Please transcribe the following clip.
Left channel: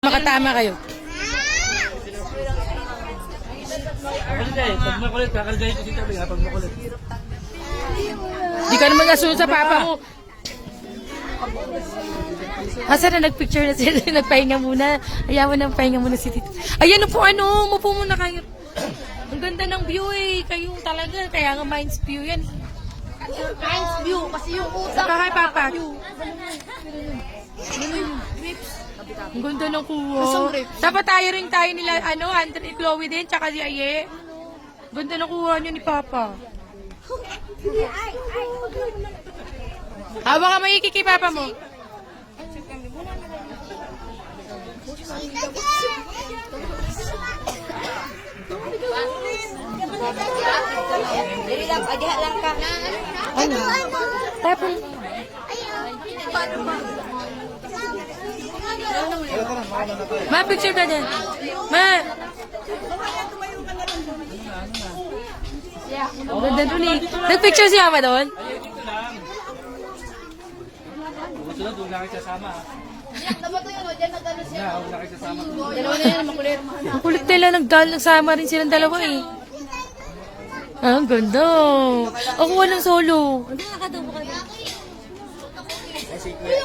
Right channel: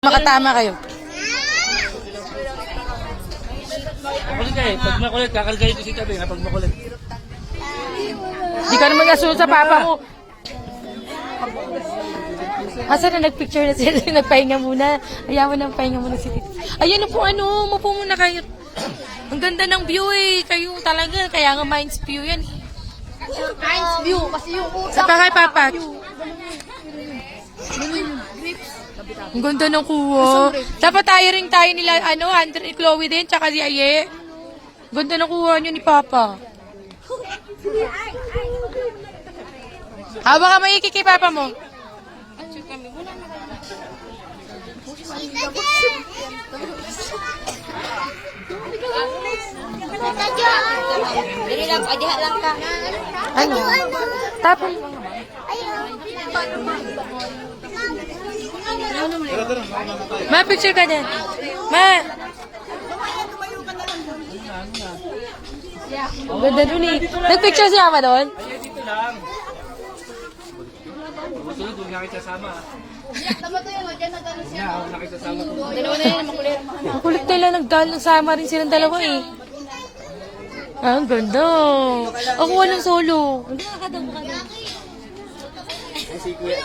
Makatama kayo. Makulit ka eh. Pag makulit, kakarga ito si tabi ha. Pag makulit. Di ka naman yasun sa papa mo. Asa na nagpicture na sila, nagpahinga muna. Ayaw mo nang pahinga muna si Tito. Ayan po mupo muna kayo. Ang ganda ng view eh. Kayo talaga, kaya nga Minds View yan. Minds view, kasi yung utak. Saka kay Papa. Ang ganda ng kuha. Dapat tayo nila, Hunter, Chloe din, tsaka si Aye. Ganda ng kuha niyo ni Papa. Baka maiki kay Papa mo. Lang ka. Ano? Tapos. Ma, picture ka din. Ma. Ganda dun eh. Nag-picture siya ba doon? Dito lang. Sunod, huwag na kayo sasama. Tama to yun, dyan nag-ano siya. Huwag na kayo sasama. Dalawa na yun, makulit. Ang kulit nila, nagsama rin silang dalawa eh. Ang ganda. Ako walang solo. Ay, si Kuya.